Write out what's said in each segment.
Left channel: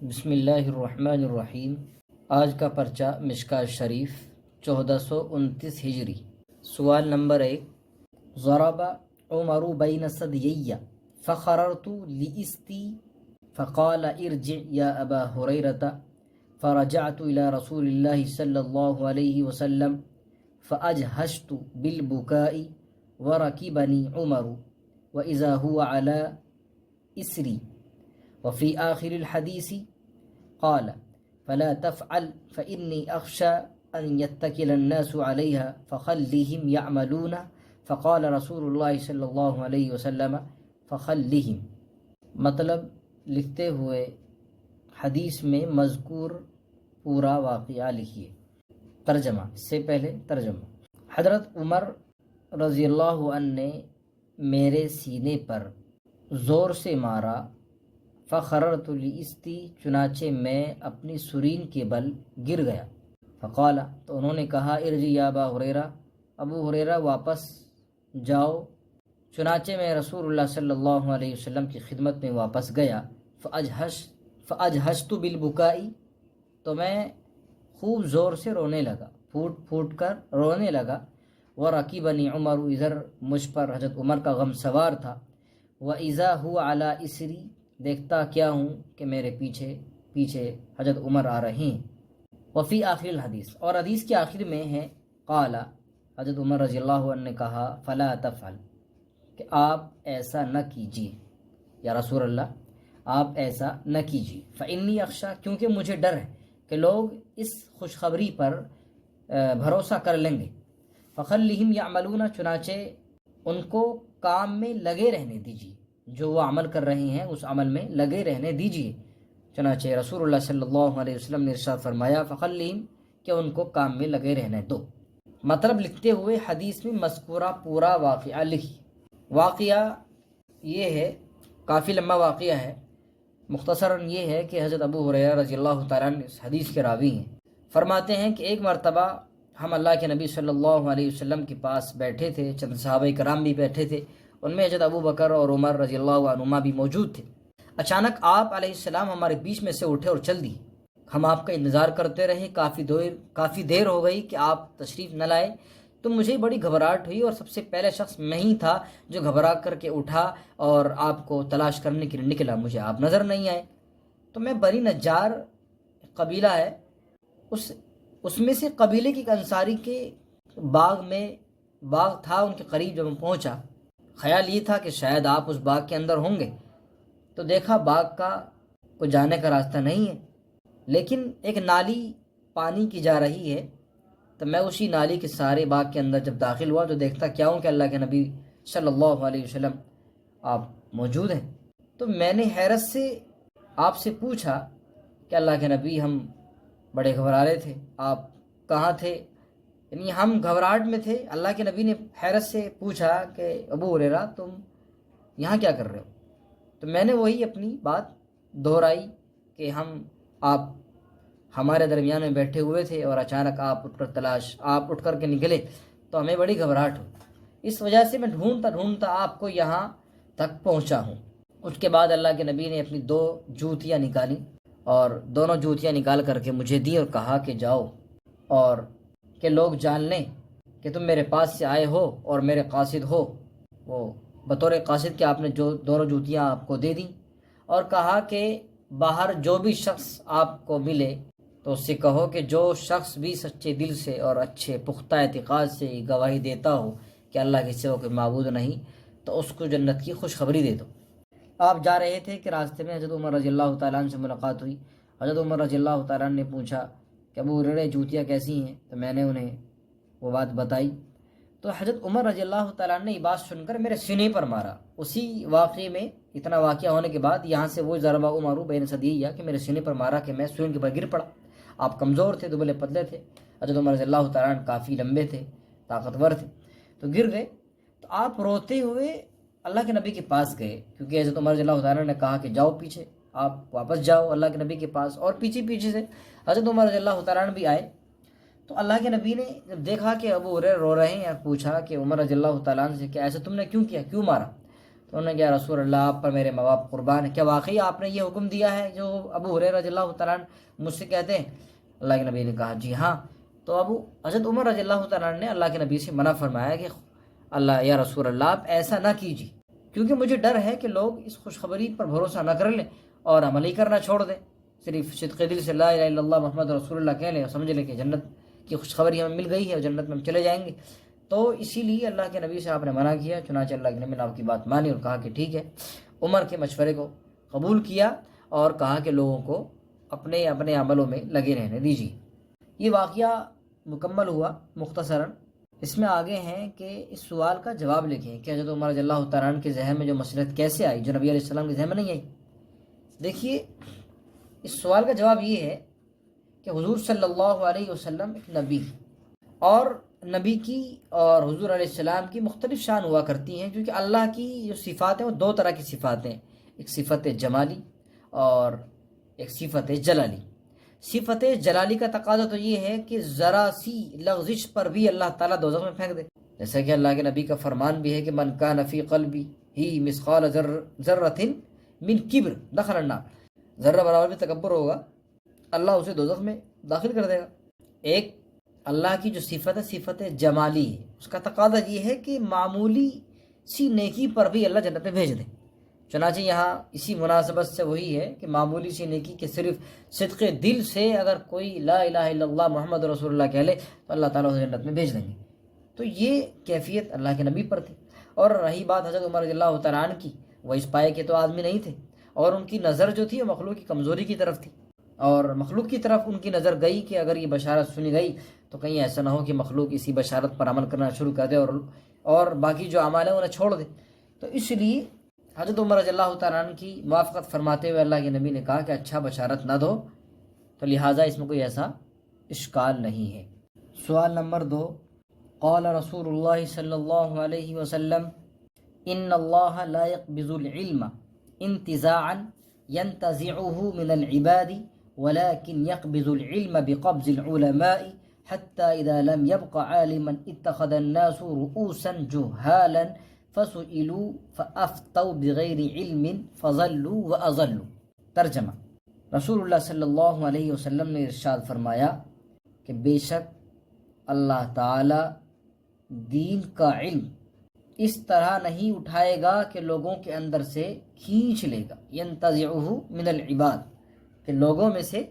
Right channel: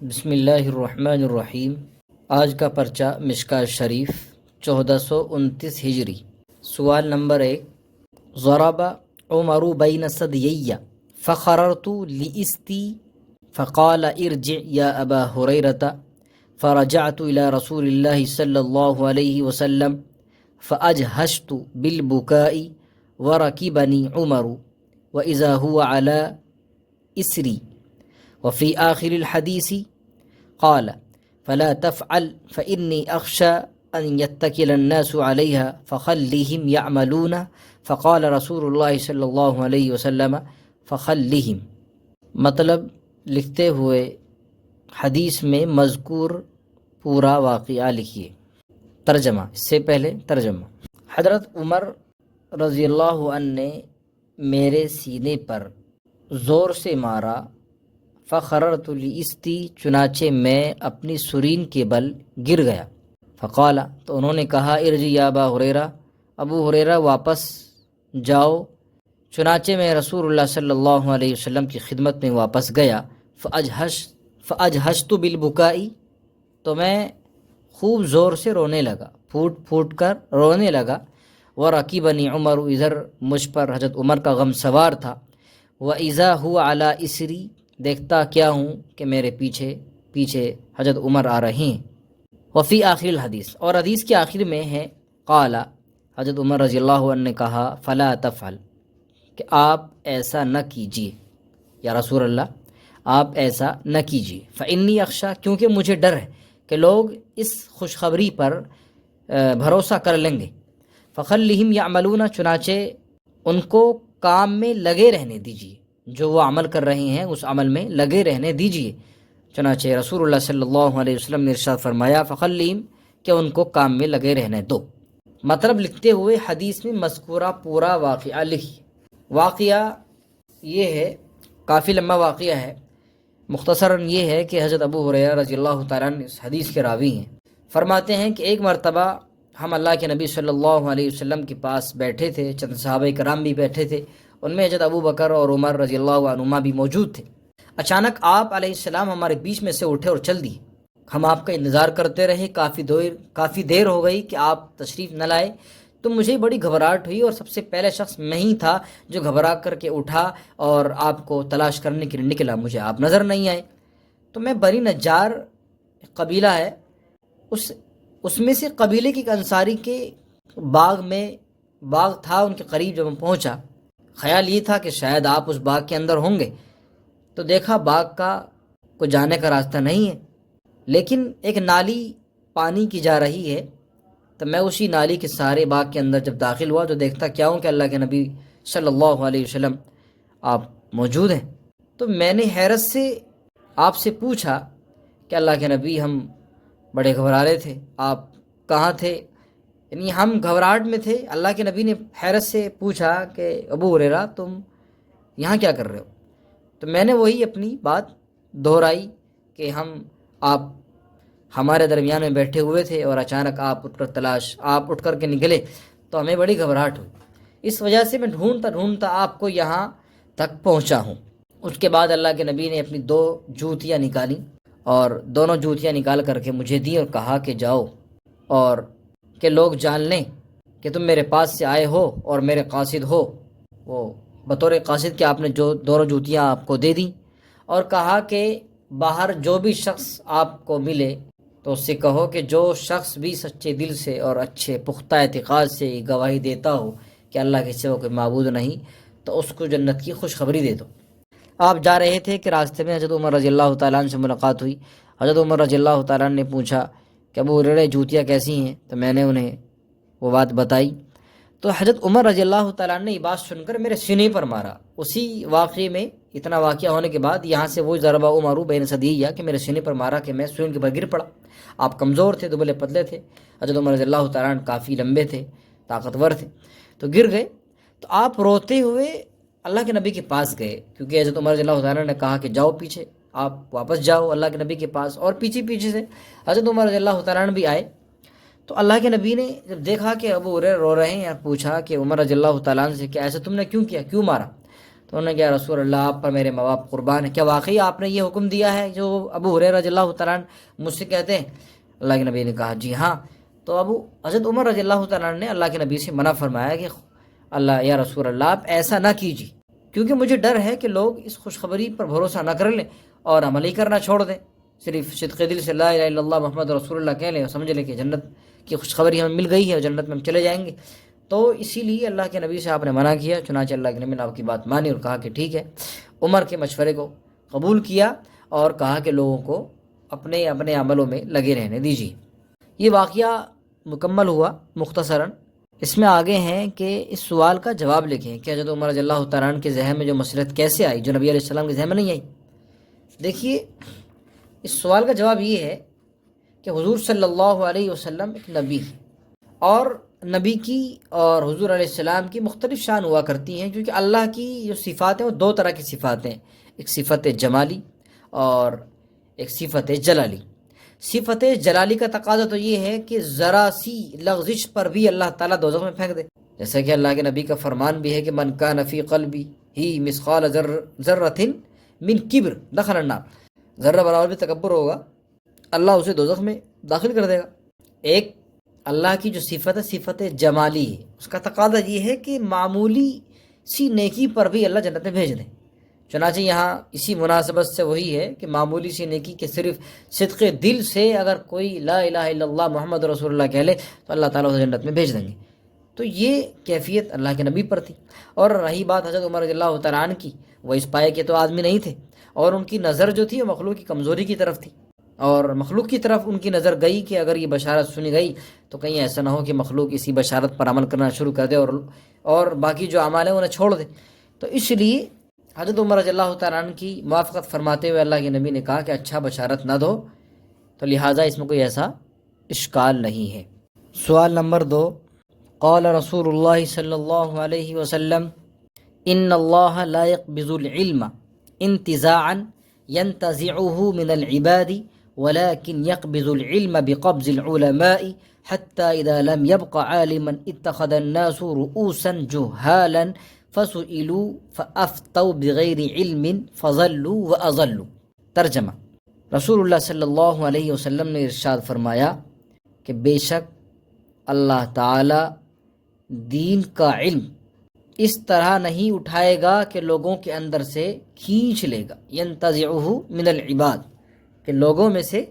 بسم اللہ الرحمن الرحیم۔ آج کا پرچہ مشکاۃ شریف 1429 ہجری۔ سوال نمبر 1، ضرب عمر بین ثدیی فخررت لاستی فقال ارجع یا ابا ہریرۃ فرجعت الى رسول اللہ صلی اللہ علیہ وسلم فاجہشت بالبکاء ورکبنی عمر واذا هو على اسری وفي آخر الحديث قال فلا تفعل فإني أخشى أن يتكل الناس عليها فخلهم يعملون فقال رسول الله صلی اللہ علیہ وسلم فخلهم۔ مطلب لکھتے ہوئے حدیث میں مذکور پورا واقعہ لکھیے۔ ترجمہ، اس سے پہلے ترجمہ۔ حضرت عمر رضی اللہ عنہ نے میرے سینے پر زور سے مارا، فخررت لاستی، چنانچہ میں اپنی سرین کے بل گر گیا۔ فقال، تو انہوں نے کہا، ارجع یا ابا ہریرہ، ابو ہریرہ واپس جاؤ۔ چنانچہ میں رسول اللہ صلی اللہ علیہ وسلم کی خدمت میں واپس گیا۔ فاجہشت بالبکائی، تو میں خوب زور سے رونے لگا، پھوٹ پھوٹ کر رونے لگا۔ ورکبنی عمر، ادھر مجھ پر حضرت عمر کا غم سوار تھا۔ واذا هو علی اسری، دیکھتا کیا ہوں کہ میرے پیچھے پیچھے حضرت عمر آ رہے ہیں۔ وفی آخر الحدیث، اور حدیث کے آخر میں ہے، قال، حضرت عمر رضی اللہ عنہ نے کہا، فلا تفعل، کہ آپ ایسا نہ کیجیے، یا رسول اللہ آپ ایسا نہ کیجیے۔ فانی اخشی، کیونکہ مجھے ڈر ہے کہ لوگ اس خوشخبری پر بھروسہ کر لیں گے۔ فخلہم یعملون، چنانچہ ان کو کام میں لگے رہنے دیجیے، جو وہ عمل کر رہے ہیں اس عمل میں لگے رہنے دیجیے۔ چنانچہ رسول اللہ صلی اللہ علیہ وسلم نے ارشاد فرمایا، فخلہم، کہ ان کو کام میں لگے رہنے دو۔ مطلب لکھتے ہوئے حدیث میں مذکورہ پورا واقعہ لکھی۔ واقعہ یہ ہے، کافی لمبا واقعہ ہے، مختصراً یہ ہے کہ حضرت ابو ہریرہ رضی اللہ تعالیٰ عنہ اس حدیث کے راوی ہیں۔ فرماتے ہیں کہ ایک مرتبہ ہم اللہ کے نبی صلی اللہ علیہ وسلم کے پاس بیٹھے تھے، چند صحابہ کرام بھی بیٹھے تھے، ان میں حضرت ابو بکر اور عمر رضی اللہ عنہما بھی موجود تھے۔ اچانک آپ علیہ السلام ہمارے بیچ میں سے اٹھے اور چل دیے۔ ہم آپ کا انتظار کرتے رہے، کافی دیر ہو گئی کہ آپ تشریف نہ لائے، تو مجھے بڑی گھبراہٹ ہوئی، اور سب سے پہلے شخص میں ہی تھا جو گھبرا کر کے اٹھا اور آپ کو تلاش کرنے کے لیے نکلا۔ مجھے آپ نظر نہیں آئے، تو میں بنی نجار قبیلہ ہے، اس میں سے قبیلے کے ایک انصاری کے باغ تھا، ان کے قریب جب ہم پہنچا، خیال یہ تھا کہ شاید آپ اس باغ کے اندر ہوں گے، تو دیکھا باغ کا کوئی جانے کا راستہ نہیں ہے، لیکن ایک نالی پانی کی جا رہی ہے۔ تو میں اسی نالی کے سارے باغ کے اندر جب داخل ہوا تو دیکھتا کیا ہوں کہ اللہ کے نبی صلی اللہ علیہ وسلم آپ موجود ہیں۔ تو میں نے حیرت سے آپ سے پوچھا کہ اللہ کے نبی، ہم بڑے گھبرا رہے تھے، آپ کہاں تھے؟ یعنی ہم گھبراہٹ میں تھے۔ اللہ کے نبی نے حیرت سے پوچھا کہ ابو ہریرہ تم یہاں کیا کر رہے ہو؟ تو میں نے وہی اپنی بات دہرائی کہ آپ ہمارے درمیان میں بیٹھے ہوئے تھے اور اچانک آپ اٹھ کر کے نکلے، تو ہمیں بڑی گھبراہٹ ہوئی، اس وجہ سے میں ڈھونڈتا آپ کو یہاں تک پہنچا ہوں۔ اس کے بعد اللہ کے نبی نے اپنی 2 جوتیاں نکالی، اور دونوں جوتیاں نکال کر کے مجھے دی اور کہا کہ جاؤ، اور کہ لوگ جان لیں کہ تم میرے پاس سے آئے ہو اور میرے قاصد ہو۔ وہ بطور قاصد کہ آپ نے جو دونوں جوتیاں آپ کو دے دیں، اور کہا کہ باہر جو بھی شخص آپ کو ملے تو اس سے کہو کہ جو شخص بھی سچے دل سے اور اچھے پختہ اعتقاد سے گواہی دیتا ہو کہ اللہ کے سوا کوئی معبود نہیں، تو اس کو جنت کی خوشخبری دے دو۔ آپ جا رہے تھے کہ راستے میں حضرت عمر رضی اللہ تعالیٰ عنہ سے ملاقات ہوئی۔ حضرت عمر رضی اللہ تعالیٰ عنہ نے پوچھا کہ ابو ہریرہ جوتیاں کیسی ہیں؟ تو میں نے انہیں وہ بات بتائی، تو حضرت عمر رضی اللہ تعالیٰ عنہ نے یہ بات سن کر میرے سینے پر مارا۔ اسی واقعے میں اتنا واقعہ ہونے کے بعد یہاں سے وہ ضرب عمر بین ثدیی، کہ میرے سینے پر مارا کہ میں سوئیں کے بل گر پڑا۔ آپ کمزور تھے، دبلے پتلے تھے، حضرت عمر رضی اللہ تعالیٰ عنہ کافی لمبے تھے، طاقتور تھے، تو گر گئے۔ تو آپ روتے ہوئے اللہ کے نبی کے پاس گئے، کیونکہ حضرت عمر رضی اللہ تعالیٰ نے کہا کہ جاؤ پیچھے، آپ واپس جاؤ اللہ کے نبی کے پاس، اور پیچھے سے حضرت عمر رضی اللہ تعالیٰ عنہ بھی آئے۔ تو اللہ کے نبی نے جب دیکھا کہ ابو ہریرہ رو رہے ہیں، پوچھا کہ عمر رضی اللہ تعالیٰ عنہ سے کہ ایسا تم نے کیوں کیا، کیوں مارا؟ تو انہوں نے کہا رسول اللہ آپ پر میرے ماں باپ قربان ہیں، کیا واقعی آپ نے یہ حکم دیا ہے جو ابو ہریرہ رضی اللہ تعالیٰ عنہ مجھ سے کہتے ہیں؟ اللہ کے نبی نے کہا جی ہاں۔ تو حضرت عمر رضی اللہ تعالیٰ عنہ نے اللہ کے نبی سے منع فرمایا کہ اللہ یا رسول اللہ آپ ایسا نہ کیجیے، کیونکہ مجھے ڈر ہے کہ لوگ اس خوشخبری پر بھروسہ نہ کر لیں اور عمل ہی کرنا چھوڑ دیں، صرف صدق دل سے لا الہ الا اللہ محمد رسول اللہ کہہ لیں اور سمجھ لیں کہ جنت کی خوشخبری ہمیں مل گئی ہے اور جنت میں ہم چلے جائیں گے۔ تو اسی لیے اللہ کے نبی سے آپ نے منع کیا، چنانچہ اللہ کے نبی نے آپ کی بات مانی اور کہا کہ ٹھیک ہے، عمر کے مشورے کو قبول کیا اور کہا کہ لوگوں کو اپنے اپنے عملوں میں لگے رہنے دیجیے۔ یہ واقعہ مکمل ہوا مختصراً۔ اس میں آگے ہیں کہ اس سوال کا جواب لکھیں کہ حضرت عمر رضی اللہ تعالیٰ عنہ کے ذہن میں جو مصلحت کیسے آئی جو نبی علیہ السلام کے ذہن میں نہیں آئی۔ دیکھیے اس سوال کا جواب یہ ہے کہ حضور صلی اللہ علیہ وسلم ایک نبی ہے، اور نبی کی اور حضور علیہ السلام کی مختلف شان ہوا کرتی ہیں، کیونکہ اللہ کی جو صفات ہیں وہ دو طرح کی صفات ہیں، ایک صفت جمالی اور ایک صفت جلالی۔ صفت جلالی کا تقاضا تو یہ ہے کہ ذرا سی لغزش پر بھی اللہ تعالیٰ دوزخ میں پھینک دے، جیسا کہ اللہ کے نبی کا فرمان بھی ہے کہ من کان فی قلبی ہی مثقال ذرۃ من کبر دخل النار، ذرہ برابر بھی تکبر ہوگا اللہ اسے دوزخ میں داخل کر دے گا۔ ایک اللہ کی جو صفت ہے صفت جمالی ہے، اس کا تقاضا یہ ہے کہ معمولی سی نیکی پر بھی اللہ جنت میں بھیج دیں۔ چنانچہ یہاں اسی مناسبت سے وہی ہے کہ معمولی سی نیکی کے صرف صدق دل سے اگر کوئی لا الہ الا اللہ محمد رسول اللہ کہہ لے تو اللہ تعالیٰ اسے جنت میں بھیج دیں گے۔ تو یہ کیفیت اللہ کے نبی پر تھی۔ اور رہی بات حضرت عمر رضی اللہ تعالیٰ عنہ کی، وہ اس پائے کے تو آدمی نہیں تھے، اور ان کی نظر جو تھی وہ مخلوق کی کمزوری کی طرف تھی، اور مخلوق کی طرف ان کی نظر گئی کہ اگر یہ بشارت سنی گئی تو کہیں ایسا نہ ہو کہ مخلوق اسی بشارت پر عمل کرنا شروع کر دے اور باقی جو اعمال ہیں انہیں چھوڑ دے۔ تو اس لیے حضرت عمر رضی اللہ تعالیٰ عنہ کی موافقت فرماتے ہوئے اللہ کے نبی نے کہا کہ اچھا بشارت نہ دو، تو لہٰذا اس میں کوئی ایسا اشکال نہیں ہے۔ سوال نمبر 2، قال رسول اللہ صلی اللہ علیہ وسلم ان اللہ لا يقبض العلم انتزاعا ينتزعه من العباد ولكن يقبض العلم بقبض العلماء حتى إذا لم يبق عالما اتخذ الناس رؤوسا جهالا فسئلوا فأفتوا بغیر علم فضلوا وأضلوا۔ ترجمہ، رسول اللہ صلی اللہ علیہ وسلم نے ارشاد فرمایا کہ بے شک اللہ تعالی دین کا علم اس طرح نہیں اٹھائے گا کہ لوگوں کے اندر سے کھینچ لے گا، ینتزعہ من العباد، کہ لوگوں میں سے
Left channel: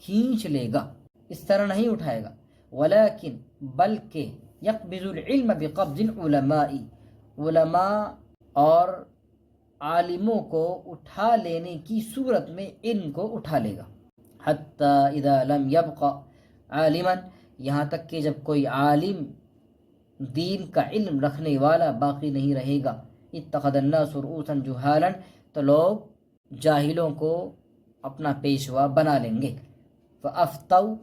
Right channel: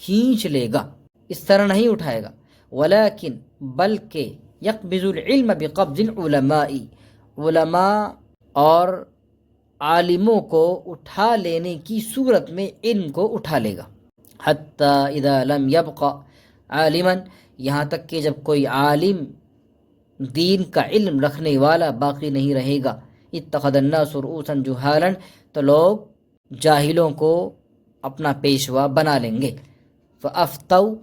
کھینچ لے گا، اس طرح نہیں اٹھائے گا، ولیکن بلکہ یقبض العلم بقبض العلماء، علماء اور عالموں کو اٹھا لینے کی صورت میں علم کو اٹھا لے گا، حتی اذا لم یبق عالما، یہاں تک کہ جب کوئی عالم دین کا علم رکھنے والا باقی نہیں رہے گا، اتخذ الناس رؤوسا جہالا، تو لوگ جاہلوں کو اپنا پیشوا بنا لیں گے، فافتوا،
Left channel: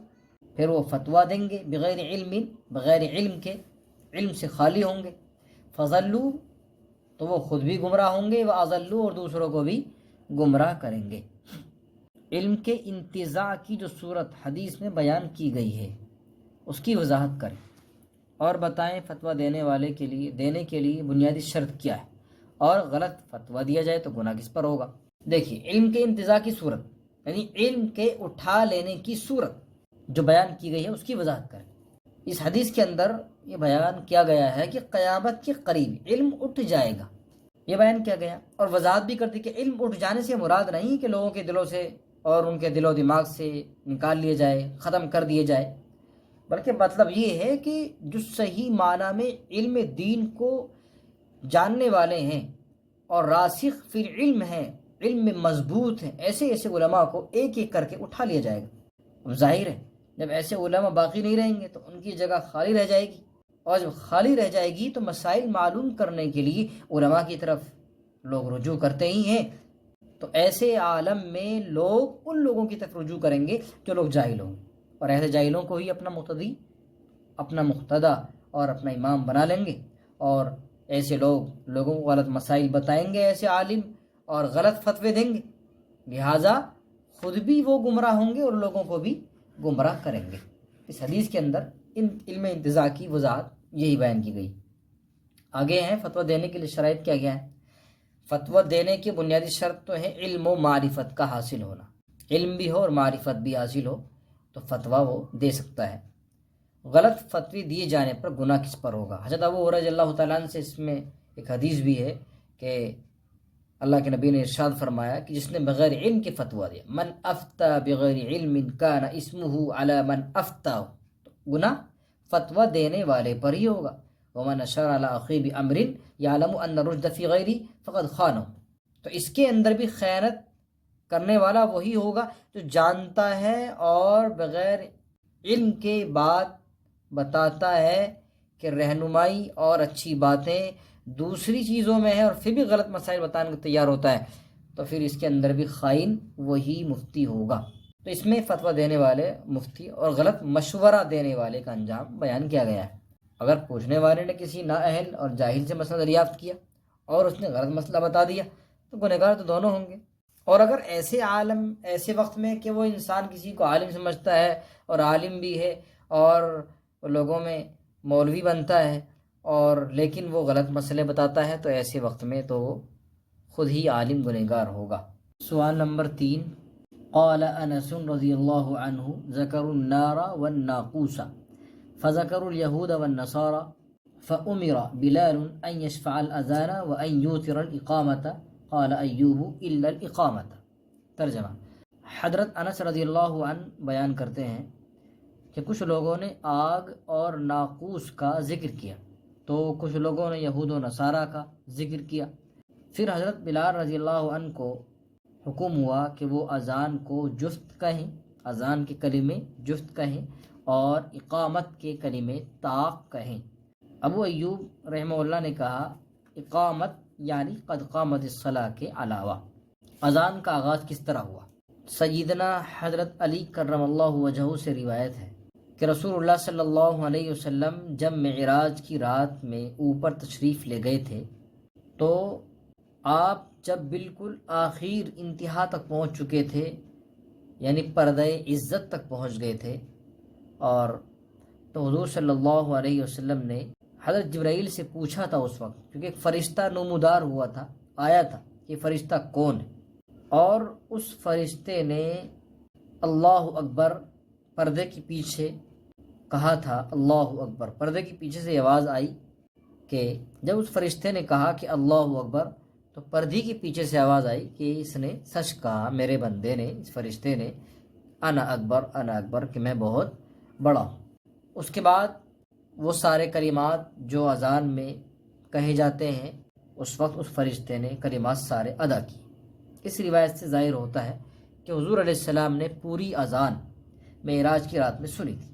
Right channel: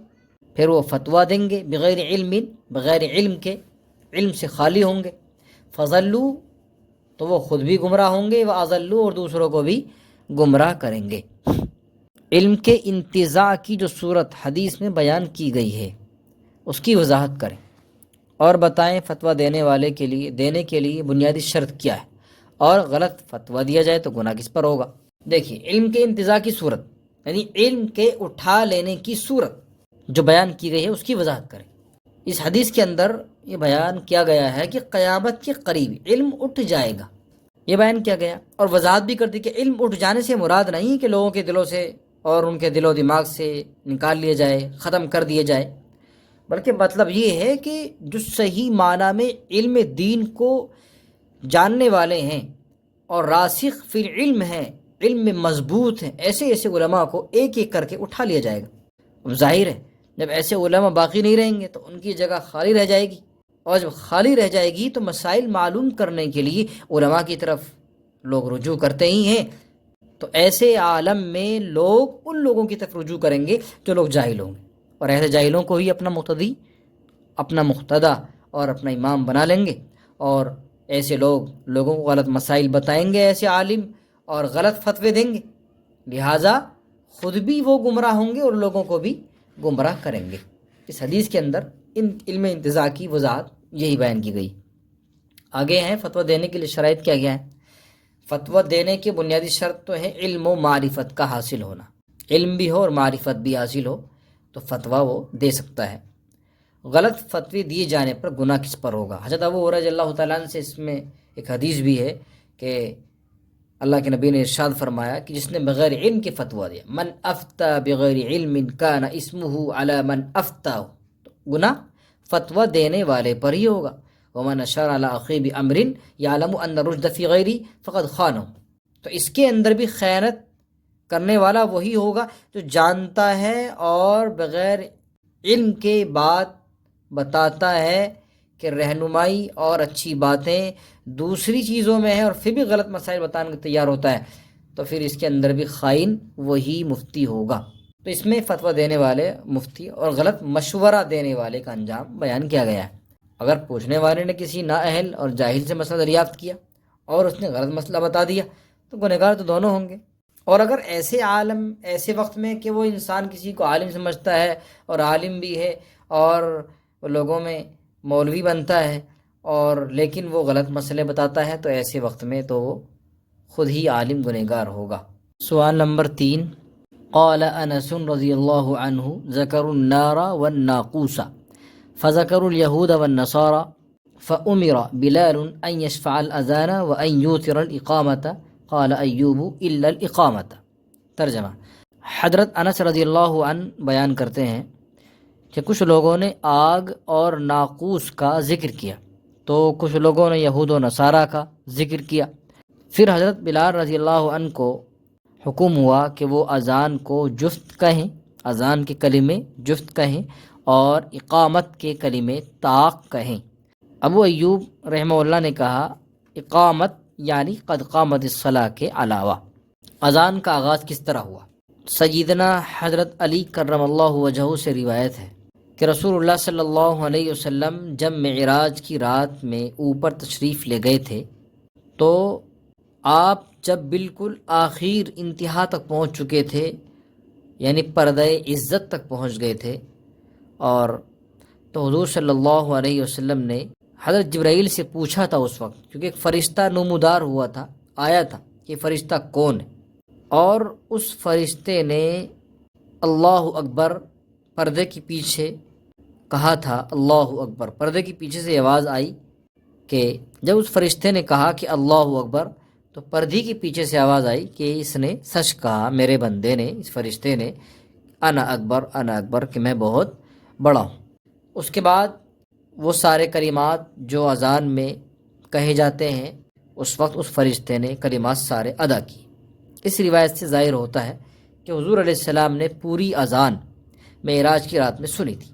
پھر وہ فتویٰ دیں گے، بغیر علم، بغیر علم کے، علم سے خالی ہوں گے، فضلوا، تو وہ خود بھی گمراہ ہوں گے، واضلوا، اور دوسروں کو بھی گمراہ کریں گے۔ علم کے انتزاع کی جو صورت حدیث میں بیان کی گئی ہے اس کی وضاحت کریں اور بتائیں فتویٰ دینے کے لیے بنیادی شرط کیا ہے، اور غلط فتویٰ دیا جائے تو گناہ کس پر ہوگا۔ دیکھیے علم کے انتزاع کی صورت یعنی علم کے اٹھا لینے کی صورت جو بیان کی گئی ہے اس کی وضاحت کریں۔ اس حدیث کے اندر یہ بیان کیا گیا ہے کہ قیامت کے قریب علم اٹھ جائے گا، یہ بیان کیا گیا، اور وضاحت بھی کر دی کہ علم اٹھ جانے سے مراد نہیں کہ لوگوں کے دلوں سے اور ان کے دل و دماغ سے نکال لیا جائے، ختم کر دیے جائے، بلکہ مطلب یہ ہے کہ جو صحیح معنی میں علم دین کو جاننے والے ہیں اور راسخ فی العلم ہیں، علم میں مضبوط ہیں، ایسے علماء کو ایک ایک کر کے اٹھا لیا جائے گا۔ ظاہر ہے جب ایسے علماء باقی نہیں رہیں گے تو ان کی جگہ خالی رہ جائے گی، اور جب خالی رہ جائے گی تو مسائل معلوم کرنے کے لیے علماء کی طرف لوگ رجوع کرتے ہی ہیں، تو ایسے عالم میں لوگ ان لوگوں کی طرف رجوع کریں گے جو لوگ جاہل ہوں گے، اور ایسے جاہلوں کو ہی اپنا مقتدی، اپنا مقتدا اور اپنا امام بنا لیں گے، اور ایسے لوگوں کو غلط مسائل بتائیں گے، ایسے عالم، اور غلط فتوے دیں گے، لہٰذا خود بھی وہ گمراہ ہوں گے اور لوگوں کو بھی گمراہ کریں گے۔ اس حدیث کے اندر علم انتزاع کی وضاحت یہی بیان کی گئی۔ آگے ہیں فتویٰ دینے کے لیے شرائط کیا ہے۔ فتویٰ دینے کی بنیادی شرط تو ہے علم و معرفت کا حاصل ہونا، علم بھی ہو اور معرفت بھی حاصل ہو تو فتویٰ وہ دے سکتا ہے۔ غلط فتوی دیے جانے پر گناہ کس پر ہوگا؟ حضرت ابو ہریرہ رضی اللہ تعالیٰ عنہ سے اس میں ایک حدیث بھی ہے کہ اللہ کے نبی نے ارشاد فرمایا کہ جس نے بغیر علم کے فتویٰ دیا، من افتا بغیر علم کان اسمہ علی من افتاہ، گناہ فتویٰ دینے والے پر ہی ہوگا۔ ومن اشار علی اخیہ بامر یعلم ان الرشد فی غیرہ فقد خانہ، تو اس کے اندر بھی خیانت کرنے والا وہی ہوگا جو جانتا ہے اور بغیر علم کے بات بتاتا ہے کہ رہنمائی اور اچھی باتیں دوسری چیزوں میں ہیں اور پھر بھی غلط مسائل بتانے کو تیار ہوتا ہے، تو پھر اس کے اندر بھی خائن وہی مفتی ہوگا۔ تو اس میں فتویٰ دینے والے مفتی اور غلط مشورہ دینے والے کا انجام بیان کیا گیا ہے۔ اگر پوچھنے والے نے کسی نااہل اور جاہل سے مسئلہ دریافت کیا اور اس نے غلط مسئلہ بتا دیا تو گنہگار تو دونوں ہوں گے، اور اگر ایسے عالم ایسے وقت میں کہ وہ انسان کسی کو عالم سمجھتا ہے اور عالم بھی ہے اور لوگوں میں مولوی بنتا ہے اور لیکن وہ غلط مسئلے بتاتا ہے، تو ایسے وقت میں تو وہ خود ہی عالم گنہگار ہوگا۔ سوال نمبر 3، قال انس رضی اللہ عنہ ذکروا النار والناقوس فذكروا اليهود والنصارى فأمر بلال أن يشفع الأذان وأن يوتر الإقامة قال أيوب إلا الإقامة۔ ترجمہ، حضرت انس رضی اللہ عنہ بیان کرتے ہیں کہ کچھ لوگوں نے آگ اور ناقوس کا ذکر کیا تو کچھ لوگوں نے یہود و نصارہ کا ذکر کیا۔ پھر حضرت بلال رضی اللہ عنہ کو حکم ہوا کہ وہ اذان کو جفت کہیں، اذان کے کلمے جفت کہیں اور اقامت کے کلمے طاق کہیں۔ ابو ایوب رحمہ اللہ نے کہا اقامت یعنی قد قامت الصلاۃ کے علاوہ۔ اذان کا آغاز کس طرح ہوا؟ سیدنا حضرت علی کرم اللہ وجہہ سے روایت ہے کہ رسول اللہ صلی اللہ علیہ وسلم جب معراج کی رات میں اوپر تشریف لے گئے تھے تو آپ جب بالکل آخر انتہا تک پہنچ چکے تھے، یعنی پردہ عزت تک پہنچ گئے تھے، اور تو حضور صلی اللہ علیہ وسلم نے حضرت جبرائیل سے پوچھا تھا اس وقت، کیونکہ ایک فرشتہ نمودار ہوا تھا، آیا تھا کہ فرشتہ کون ہے، اور اس فرشتے نے اللہ اکبر پردے کے پیچھے کہا تھا، اللہ اکبر۔ پردے کے پیچھے سے آواز آئی کہ جب اس فرشتے نے کہا کہ اللہ اکبر تو پردے کے پیچھے سے آواز آئی کہ اس نے سچ کہا، میرے بندے نے، اس فرشتے نے، انا اکبر انا اکبر، کہ میں بہت بڑا ہوں۔ اس کے بعد وہ سارے کلمات جو اذان میں کہے جاتے ہیں اس وقت اس فرشتے نے کلمات سارے ادا کی۔ اس روایت سے ظاہر ہوتا ہے کہ حضور علیہ السلام نے پوری اذان معراج کی رات میں سنی تھی۔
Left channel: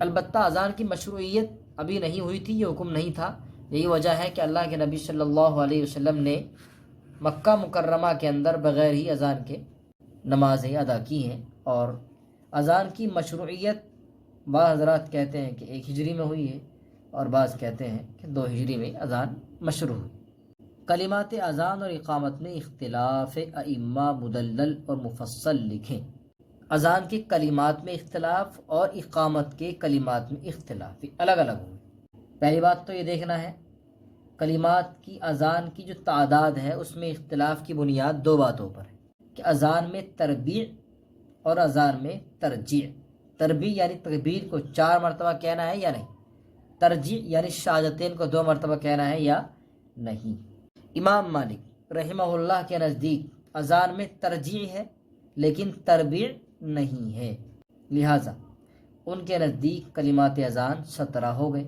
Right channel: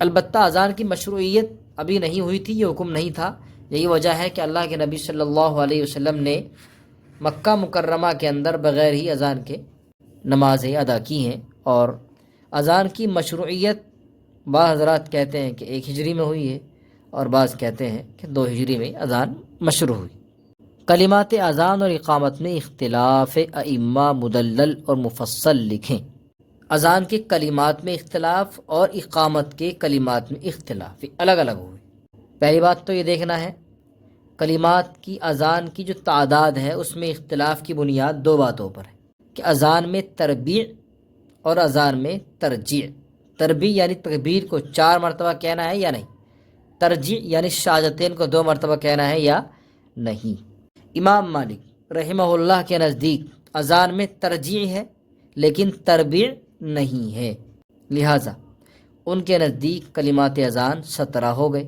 البتہ اذان کی مشروعیت ابھی نہیں ہوئی تھی، یہ حکم نہیں تھا۔ یہی وجہ ہے کہ اللہ کے نبی صلی اللہ علیہ وسلم نے مکہ مکرمہ کے اندر بغیر ہی اذان کے نمازیں ادا کی ہیں، اور اذان کی مشروعیت بعض حضرات کہتے ہیں کہ 1 ہجری میں ہوئی ہے اور بعض کہتے ہیں کہ 2 ہجری میں اذان مشروع ہوئی۔ کلمات اذان اور اقامت میں اختلاف ائمہ مدلل اور مفصل لکھیں۔ اذان کے کلمات میں اختلاف اور اقامت کے کلمات میں اختلاف، الگ الگ ہوئے۔ پہلی بات تو یہ دیکھنا ہے کلمات کی اذان کی جو تعداد ہے اس میں اختلاف کی بنیاد 2 باتوں پر ہے کہ اذان میں تربیع اور اذان میں ترجیع۔ تربیع یعنی تکبیر کو 4 مرتبہ کہنا ہے یا نہیں، ترجیع یعنی شہادتین کو 2 مرتبہ کہنا ہے یا نہیں۔ امام مالک رحمہ اللہ کے نزدیک اذان میں ترجیع ہے لیکن تربیع نہیں ہے، لہٰذا ان کے نزدیک کلمات اذان 17 ہو گئے۔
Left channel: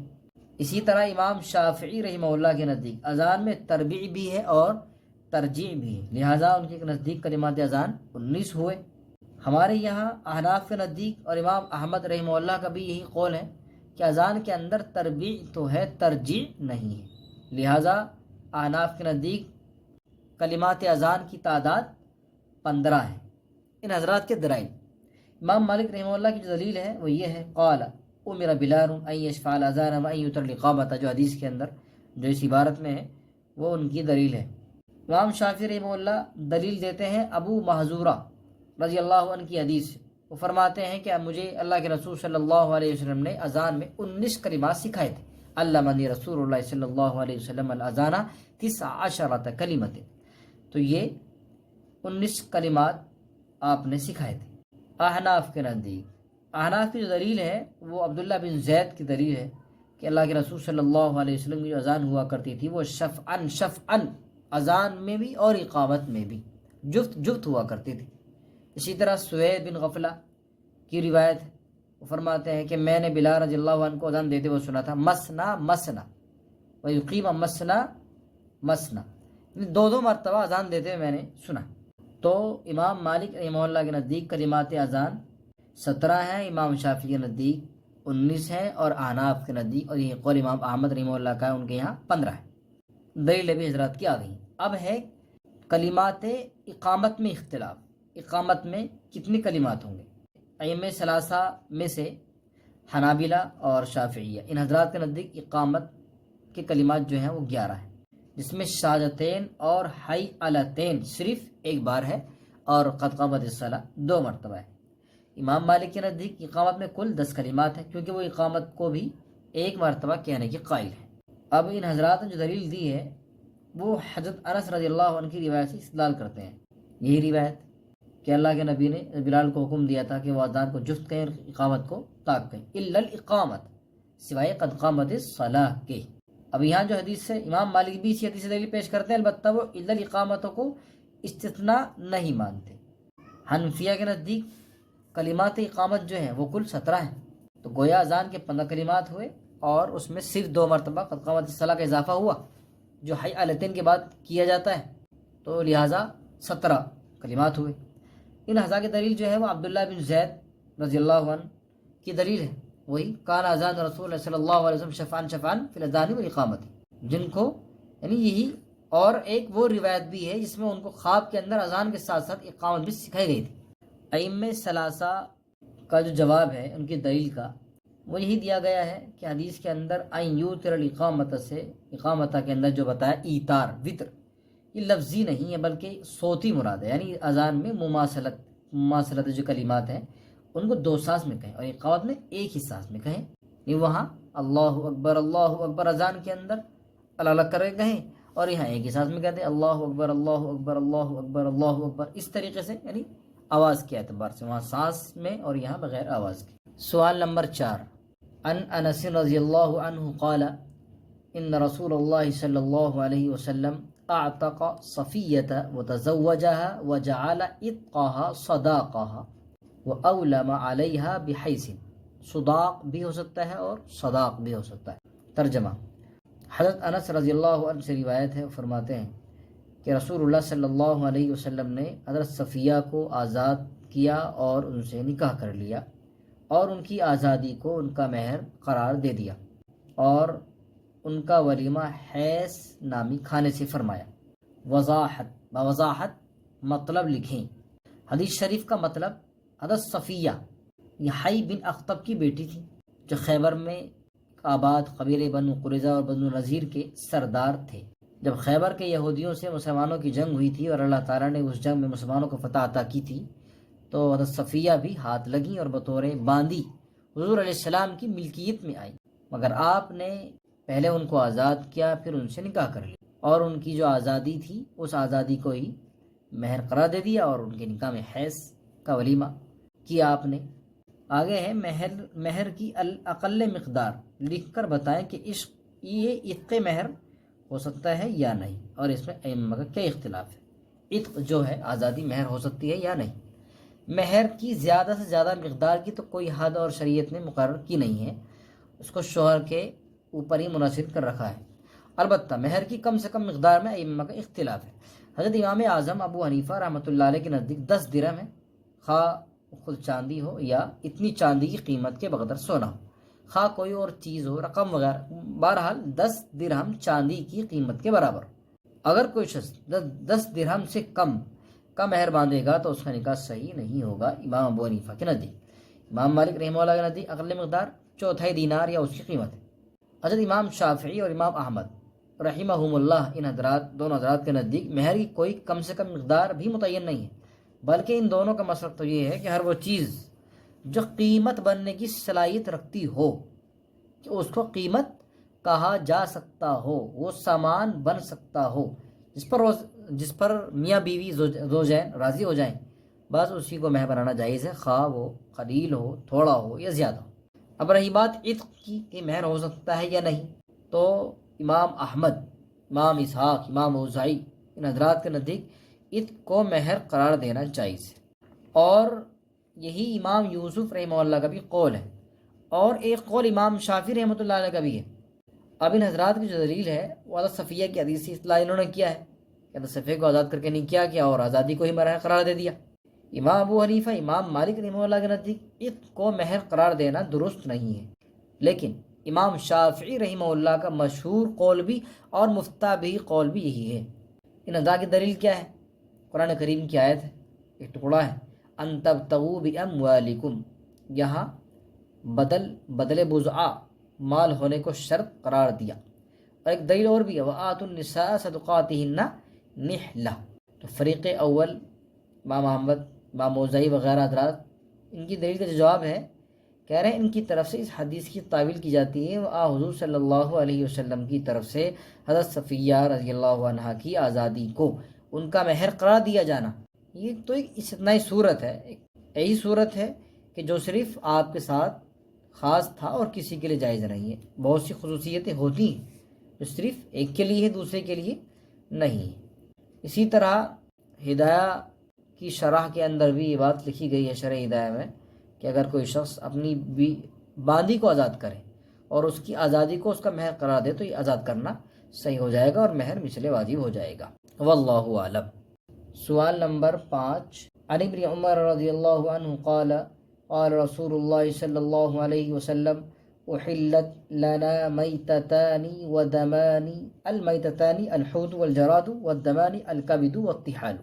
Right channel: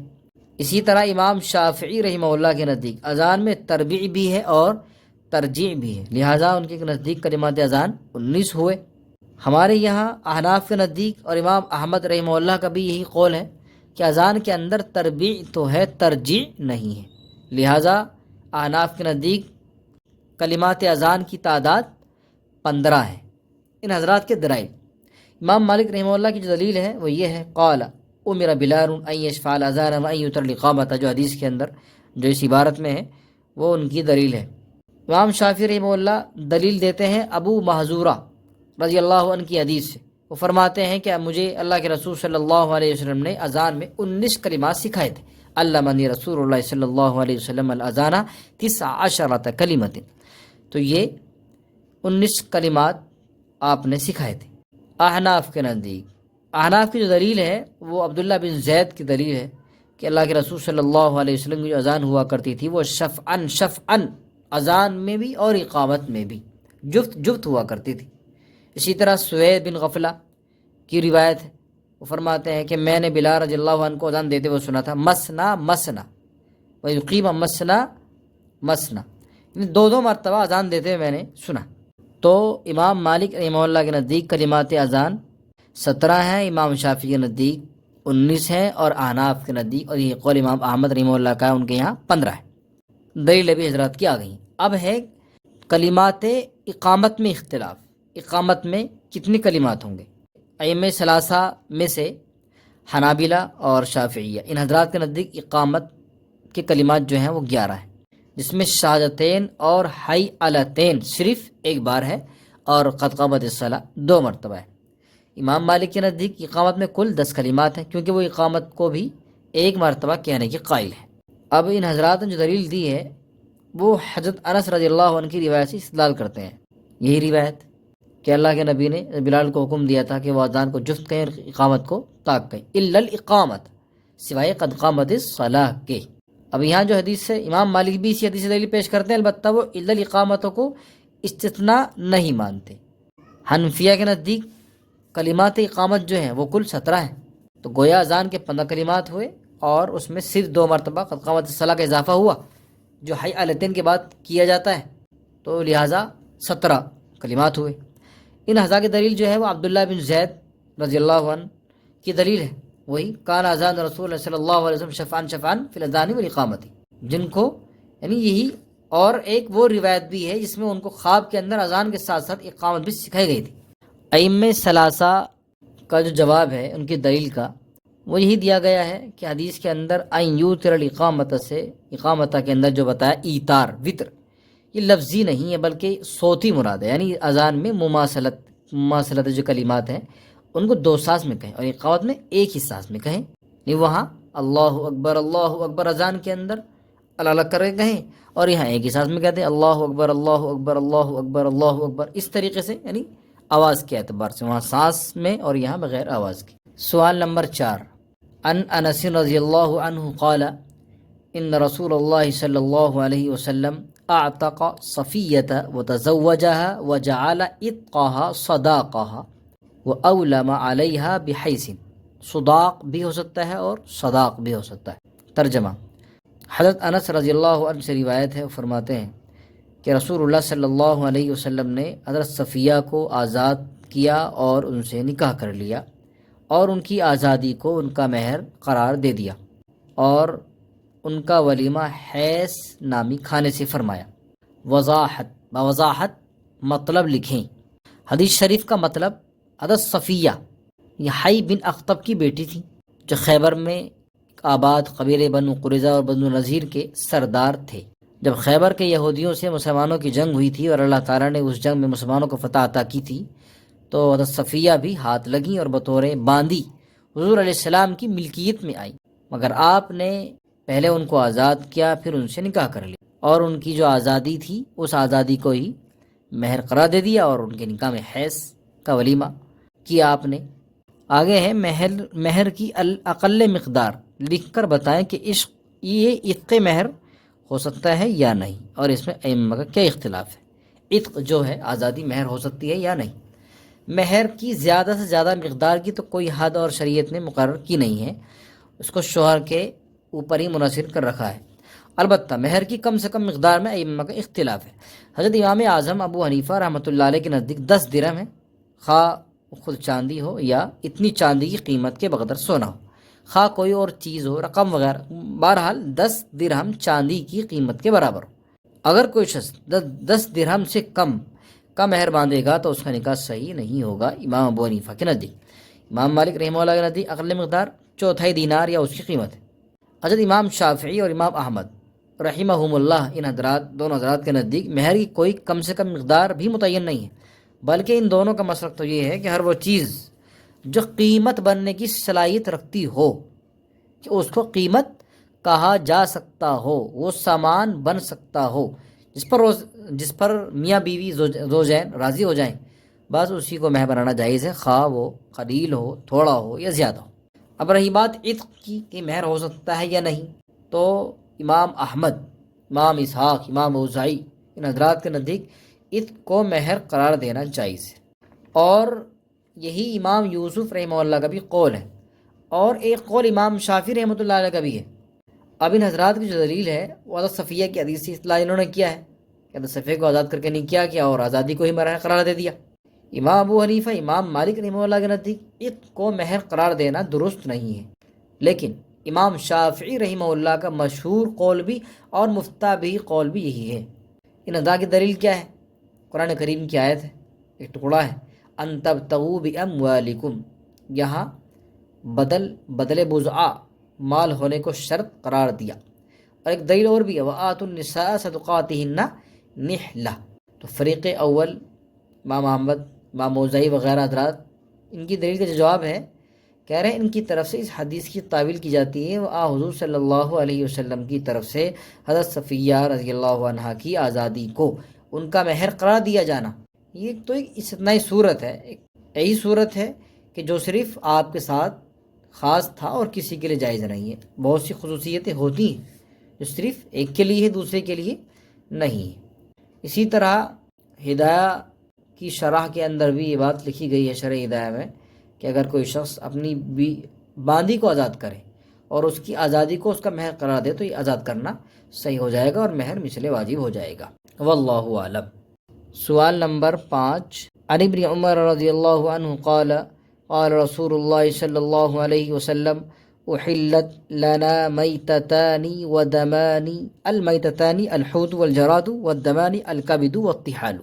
اسی طرح امام شافعی رحمہ اللہ کے نزدیک اذان میں تربیع بھی ہے اور ترجیع بھی ہے، لہٰذا ان کے نزدیک کلمات اذان 19 ہوئے۔ ہمارے یہاں احناف کے نزدیک اور امام احمد رحمہ اللہ کا بھی یہی قول ہے کہ اذان کے اندر تربیع تو ہے، ترجیع نہیں ہے، لہٰذا احناف کے نزدیک کلمات اذان کی تعداد 15 ہے۔ ان حضرات کے دلائل، امام مالک رحمہ اللہ کی جو دلیل ہے وہ یہ ہے، قال امر بلال ان یشفع الاذان وان یتر الاقامۃ، جو حدیث کے اندر جو اس عبارت میں ہے وہ ان کی دلیل ہے۔ امام شافعی رحمہ اللہ دلیل دیتے ہیں ابو محذورہ رضی اللہ عنہ کی حدیث سے، وہ فرماتے ہیں کہ مجھے اللہ کے رسول صلی اللہ علیہ وسلم نے اذان میں 19 کلمات سکھائے تھے، علمنی رسول اللہ صلی اللہ علیہ وسلم الاذان 19 کلمۃ، تو یہ 19 کلمات آپ نے سکھائے تھے۔ احناف کے نزدیک، احناف کی جو دلیل ہے وہ عبداللہ بن زید کی دلیل ہے کہ اللہ کے رسول صلی اللہ علیہ وسلم کی جو اذان ہوا کرتی تھی وہ شفعن اذان میں بھی اور اقامت میں بھی جفت ہوا کرتی تھی۔ اسی طرح سوید بن غفلہ کی روایت ہے، وہ فرماتے ہیں کہ میں نے بلال رضی اللہ عنہ کو اذان دیتے ہوئے سنا تھا، مسنا مسنا ویقیم مسنا مسنا، یعنی دو مرتبہ اذان دیتے ہوئے میں نے سنا۔ تو امام مالک رحمہ اللہ کے نزدیک کلمات اذان 17 ہیں، امام شافعی کے نزدیک 19 ہیں، اور احناف کے نزدیک، اور یہ قول امام احمد رحمہ اللہ کا ہے، ان کے یہاں 15 ہے۔ دلیل بھی حضرات کی آ گئی۔ اب ہے کلمات اقامت میں اختلاف، اقامت میں کتنی کلمات ہوں گے؟ ائمہ ثلاثہ میں سے حنابلہ اور شافعیہ، ان حضرات کے نزدیک اقامت کے کلمات جو ہیں وہ 11 ہیں، جس میں شہادتین اور حی علتین صرف ایک بار ہے، اور قد قامت الصلاۃ 2 مرتبہ ہے۔ امام مالک کے نزدیک اقامت میں کل 10 کلمات ہیں، کیونکہ وہ اقامت کو بھی ایک مرتبہ کہنے کے قائل ہیں۔ اب ان حضرات نے جو دلیل دی ہے وہ حضرت انس رضی اللہ عنہ کی روایت سے استدلال کرتے ہیں۔ یہی روایت کہ اللہ کے نبی نے بلال کو حکم دیا تھا کہ وہ اذان کو جفت کہیں اور اقامت کو طاق کہیں، الا الاقامت، سوائے قد قامت الصلاۃ کے۔ اب یہاں جو حدیث سے امام مالک بھی اسی حدیث سے دلیل پیش کرتے ہیں، البتہ وہ الا الاقامت کو استثناء نہیں مانتے۔ حنفیہ کے نزدیک کلمات اقامت جو ہیں وہ کل 17 ہیں، تو گویا اذان کے 15 کلمات ہوئے، اور اس میں صرف 2 مرتبہ قد قامت الصلاۃ کا اضافہ ہوا جو حی علتین کے بعد کیا جاتا ہے، تو لہٰذا 17 کلمات ہوئے۔ ان حضرات کی دلیل جو ہے وہ عبداللہ بن زید رضی اللہ عنہ کی دلیل ہے، وہی کان اذان رسول اللہ صلی اللہ علیہ وسلم شفعان فی الاذان والاقامت، جن کو یعنی یہی، اور ایک وہ روایت بھی ہے جس میں ان کو خواب کے اندر اذان کے ساتھ ساتھ اقامت بھی سکھائی گئی تھی۔ ائمہ ثلاثہ کا جو جواب ہے ان کی دلیل کا، وہ یہی دیا گیا ہے کہ حدیث کے اندر ان یوتر الاقامت سے، اقامت کے اندر جو بتایا ایتار وطر، یہ لفظی نہیں ہے بلکہ صوتی مراد ہے، یعنی اذان میں مماثلت جو کلمات ہیں ان کو 2 سانس میں کہیں، اور اقامت میں ایک ہی سانس میں کہیں، یعنی وہاں اللہ اکبر اذان کے اندر الگ الگ کر کے کہیں، اور یہاں ایک ہی سانس میں کہتے ہیں اللہ اکبر اللہ اکبر اللہ اکبر اللہ اکبر، اس طریقے سے، یعنی آواز کے اعتبار سے وہاں سانس میں اور یہاں بغیر آواز کے۔ سوال نمبر 4، ان انس رضی اللہ عنہ قال ان رسول اللہ صلی اللہ علیہ وسلم اعتق صفیۃ وتزوجها وجعل عتقها صداقها واولم علیہا بحیث، صداق بھی ہو سکتا ہے اور صداق بھی ہو سکتا ہے۔ ترجمہ، حضرت انس رضی اللہ عنہ سے روایت ہے، وہ فرماتے ہیں کہ رسول اللہ صلی اللہ علیہ وسلم نے حضرت صفیہ کو آزاد کیا اور ان سے نکاح کر لیا، اور ان کی آزادی کو ان کا مہر قرار دے دیا، اور ان کا ولیمہ حیث نامی کھانے سے فرمایا۔ وضاحت مطلب لکھیں۔ حدیث شریف کا مطلب، حضرت صفیہ یہ حی بن اخطب کی بیٹی تھی، جو خیبر میں آباد قبیلے بنو قریظہ اور بنو نذیر کے سردار تھے۔ جب خیبر کے یہودیوں سے مسلمانوں کی جنگ ہوئی تھی اور اللہ تعالیٰ نے اس جنگ میں مسلمانوں کو فتح عطا کی تھی، تو حضرت صفیہ بھی ہاتھ لگیں اور بطور باندی حضور علیہ السلام کی ملکیت میں آئیں، مگر آپ نے پہلے ان کو آزاد کیا، پھر ان سے نکاح کر لیا، اور ان کی جو آزادی تھی اس آزادی کو ہی مہر قرار دے دیا، اور ان کے نکاح میں حیض کا ولیمہ کیا آپ نے۔ آگے ہے مہر کی اقل مقدار لکھ کر بتائیں کہ عشق یہ عتق مہر ہو سکتا ہے یا نہیں، اور اس میں ائمہ کا کیا اختلاف ہے۔ عتق جو ہے آزادی مہر ہو سکتی ہے یا نہیں۔ مہر کی زیادہ سے زیادہ مقدار کی تو کوئی حد اور شریعت نے مقرر کی نہیں ہے، اس کو شوہر کے اوپر ہی منحصر کر رکھا ہے۔ البتہ مہر کی کم سے کم مقدار میں ائمہ کا اختلاف ہے۔ حضرت امام اعظم ابو حنیفہ رحمۃ اللہ علیہ کے نزدیک 10 درہم ہے، خواہ خود چاندی ہو یا اتنی چاندی کی قیمت کے بقدر سونا ہو، خواہ کوئی اور چیز ہو، رقم وغیرہ، بہرحال 10 درہم چاندی کی قیمت کے برابر ہو۔ اگر کوئی شخص 10 درہم سے کم کا مہر باندھے گا تو اس کا نکاح صحیح نہیں ہوگا، امام ابو حنیفہ کے نزدیک۔ امام مالک رحمہ اللہ کے نزدیک اقل مقدار 1/4 دینار یا اس کی قیمت ہے۔ حضرت امام شافعی اور امام احمد رحمہم اللہ، ان دونوں حضرات کے نزدیک مہر کی کوئی کم سے کم مقدار بھی متعین نہیں ہے، بلکہ ان دونوں کا مسلک تو یہ ہے کہ ہر وہ چیز جو قیمت بننے کی صلاحیت رکھتی ہو، کہ اس کو قیمت کہا جا سکتا ہو، وہ سامان بن سکتا ہو، جس پر جس پر میاں بیوی زوجین راضی ہو جائیں بس اسی کو مہر بنانا جائز ہے، خواہ وہ قلیل ہو، تھوڑا ہو یا زیادہ ہو۔ اب رہی بات عتق کی کہ مہر ہو سکتا ہے یا نہیں، تو امام احمد، امام اسحاق، امام اوزاعی، ان حضرات کے نزدیک عتق کو مہر قرار دینا جائز ہے، اور یہی امام یوسف رحمہ اللہ کا بھی قول ہے، اور ایک قول امام شافعی رحمۃ اللہ علیہ کا بھی ہے۔ اب ان حضرات کی جو دلیل ہے وہ حضرت صفیہ کی حدیث سے اطلاع انہوں نے کیا ہے کہ حضرت صفیہ کو آزاد کر کے نکاح کیا اور آزادی کو ہی مہر قرار دے دیا۔ امام ابو حنیفہ، امام مالک رحمہ اللہ کے نزدیک عتق کو مہر قرار دینا درست نہیں ہے، لیکن امام شافعی رحمہ اللہ کا مشہور قول بھی اور مفتہ بھی قول بھی یہی ہے۔ ان حضرات کی دلیل کیا ہے؟ قرآن کریم کی آیت ہے، ایک ٹکڑا ہے، ان تبتغوا باموالکم، یہاں بدل بضعہ مال ہونے کو شرط قرار دیا، اور ایک دلیل اور بھی ہے، وآتوا النساء صدقاتہن نحلہ۔ تو فریق اول امام احمد، امام اوزاعی وغیرہ حضرات، ان کی دلیل کا جو جواب ہے، کہہ رہے ہیں ان کی طرف سے اس حدیث کی تعویل کی جاتی ہے حضور صلی اللہ علیہ وسلم کی طرف سے حضرت صفیہ رضی اللہ عنہا کی آزادی کو ان کا مہر قرار دیا جانا۔ یہ تو ایک استثنائی صورت ہے، یہی صورت ہے کہ جو صرف آپ کے ساتھ خاص تھا اور کسی کے لیے جائز نہیں ہے۔ بہت سی خصوصیتیں ہوتی ہیں جو صرف ایک کے لیے ہے، دوسرے کے لیے نہیں ہے۔ اسی طرح ہدایہ کی شرح کے اندر بھی یہ بات لکھی گئی ہے، شرح ہدایہ میں، کہ اگر کوئی شخص اپنی باندی کو آزاد کرے اور اس کی آزادی کو اس کا مہر قرار دے تو یہ آزاد کرنا صحیح ہو جائے گا اور مہر مثل واجب ہو جائے گا۔ واللہ اعلم۔ سوال نمبر 5، عن ابن عمر رضی اللہ عنہ قال قال رسول اللہ صلی اللہ علیہ وسلم احلت لنا میتتان ودمان، المیتتان الحوت والجراد والدمان الکبد والطحال۔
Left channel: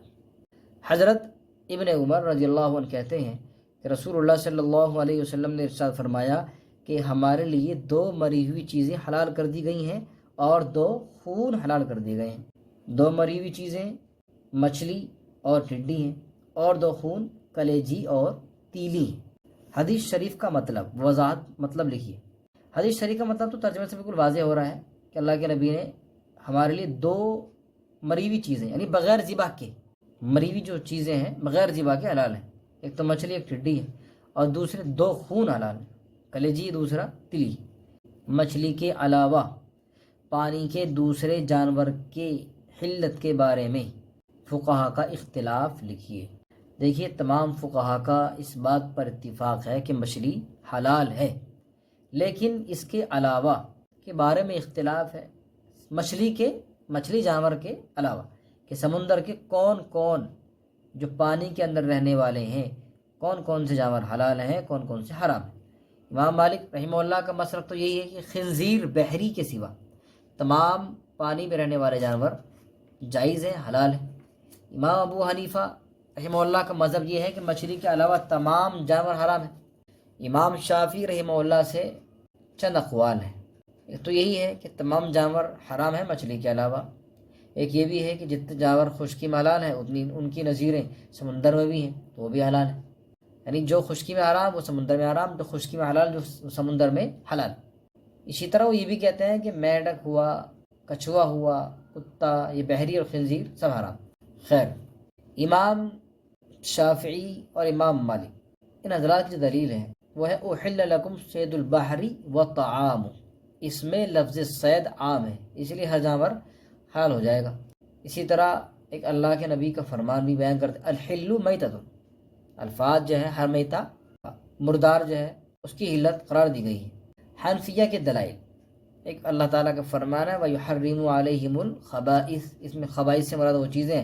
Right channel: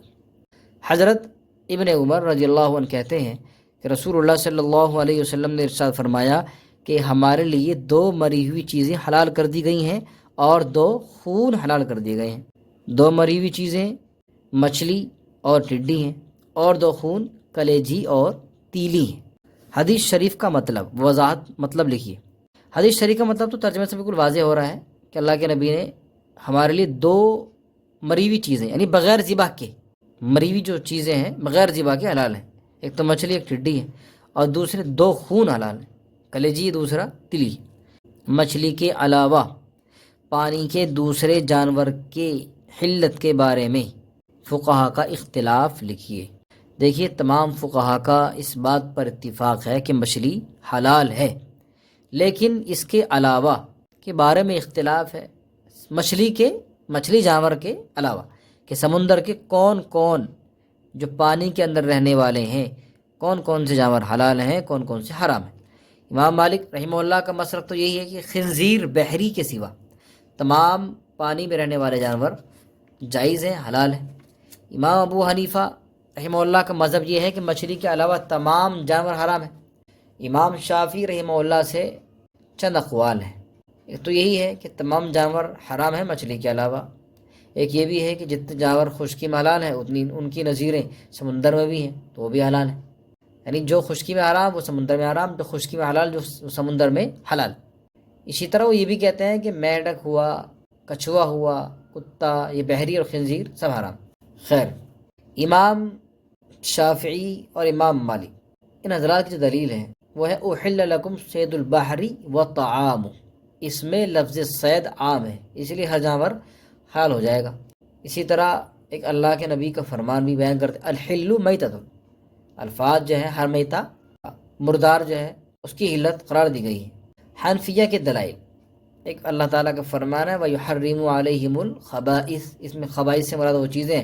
حضرت ابن عمر رضی اللہ عنہ کہتے ہیں کہ رسول اللہ صلی اللہ علیہ وسلم نے ارشاد فرمایا کہ ہمارے لیے 2 مری ہوئی چیزیں حلال کر دی گئی ہیں اور 2 خون حلال کر دیے گئے ہیں۔ 2 مری ہوئی چیزیں مچھلی اور ٹڈی ہیں، اور 2 خون کلیجی اور تیلی ہیں۔ حدیث شریف کا مطلب، وضاحت مطلب لکھیے۔ حدیث شریف کا مطلب تو ترجمے سے بالکل واضح ہو رہا ہے کہ اللہ کے نبی نے ہمارے لیے 2 مری ہوئی چیزیں، یعنی بغیر ذبح کے مری ہوئی جو چیزیں ہیں بغیر ذبح کے حلال ہیں۔ ایک تو مچھلی، ایک ٹڈی ہے، اور دوسرے 2 خون حلال ہیں، کلیجی، دوسرا تلی۔ مچھلی کے علاوہ پانی کے دوسرے جانور کے حلت کے بارے میں فقہا کا اختلاف لکھیے۔ دیکھیے تمام فقہا کا اس بات پر اتفاق ہے کہ مچھلی حلال ہے، لیکن اس کے علاوہ کے بارے میں اختلاف ہے، مچھلی جانور کے علاوہ، کہ سمندر کے کون کون جو پانی کے اندر رہنے والے ہیں، کون کون سے جانور حلال ہیں، کون کون سے حرام ہیں۔ امام مالک رحمہ اللہ کا مسلک تو یہی ہے کہ خنزیر بحری کے سوا تمام پانی میں رہنے والے جانور جائز ہیں، حلال ہیں۔ امام ابو حنیفہ رحمہ اللہ کا مذہب یہ ہے کہ مچھلی کے علاوہ تمام جانور حرام ہیں۔ امام شافعی رحمہ اللہ سے چند اقوال ہیں، ایک تو یہی ہے کہ تمام جانور حرام ہیں مچھلی کے علاوہ، ایک یہ بھی ہے کہ جتنے جانور خشکی میں حلال ہیں اتنی ان کی نظیریں سمندر میں بھی ہیں تو وہ بھی حلال ہیں، یعنی جو خشکی میں حرام وہ سمندر میں حرام، جو خشکی میں حلال جو سمندر میں حلال۔ اسی طرح وہ یہ بھی کہتے ہیں کہ میڈک ہوا، کچھوا ہوا، کتا، یہ بحری اور خنزیر سب حرام۔ خیر، امام شافعی اور امام مالک ان حضرات کی دلیل ہے وہ ہے احل لکم صید البحر وطعام، اس میں لفظ صید عام ہے، اس لیے ہر جانور حلال ہو جائے گا۔ اسی طرح ایک اللہ کے نبی کا فرمان بھی بیان کرتے الحل میتۃ، الفاظ جو ہے ہر میتہ مردار جو ہے اس کی حلت قرار دی گئی ہے۔ حنفیہ کے دلائل، ایک اللہ تعالیٰ کا فرمان ہے وَيُحَرِّمُ عَلَيْهِمُ الْخَبَائِث، اس میں خبائث سے مراد وہ چیزیں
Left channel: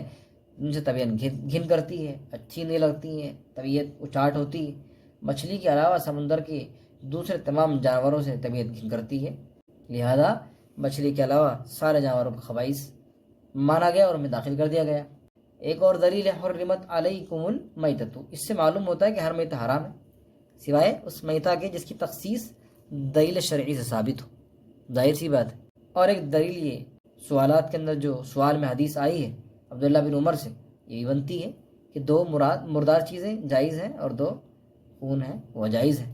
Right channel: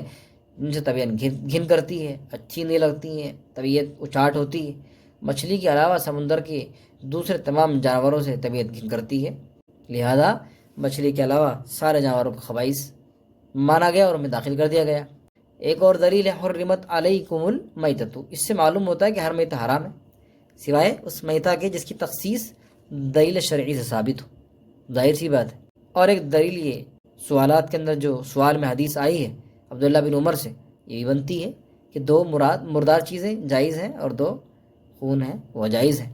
جن سے طبیعت گھن کرتی ہے، اچھی نہیں لگتی ہیں، طبیعت اچاٹ ہوتی ہے۔ مچھلی کے علاوہ سمندر کے دوسرے تمام جانوروں سے طبیعت گھن کرتی ہے، لہذا مچھلی کے علاوہ سارے جانوروں کو خبائث مانا گیا اور ان میں داخل کر دیا گیا۔ ایک اور دلیل ہے حرمت علیکم المیتۃ، اس سے معلوم ہوتا ہے کہ ہر میتہ حرام ہے سوائے اس میتہ کے جس کی تخصیص دلیل شرعی سے ثابت ہو، ظاہر سی بات ہے۔ اور ایک دلیل یہ سوالات کے اندر جو سوال میں حدیث آئی ہے عبداللہ بن عمر سے، یہ بھی بنتی ہے کہ 2 مردار چیزیں جائز ہیں اور 2 خون ہیں وہ جائز ہیں۔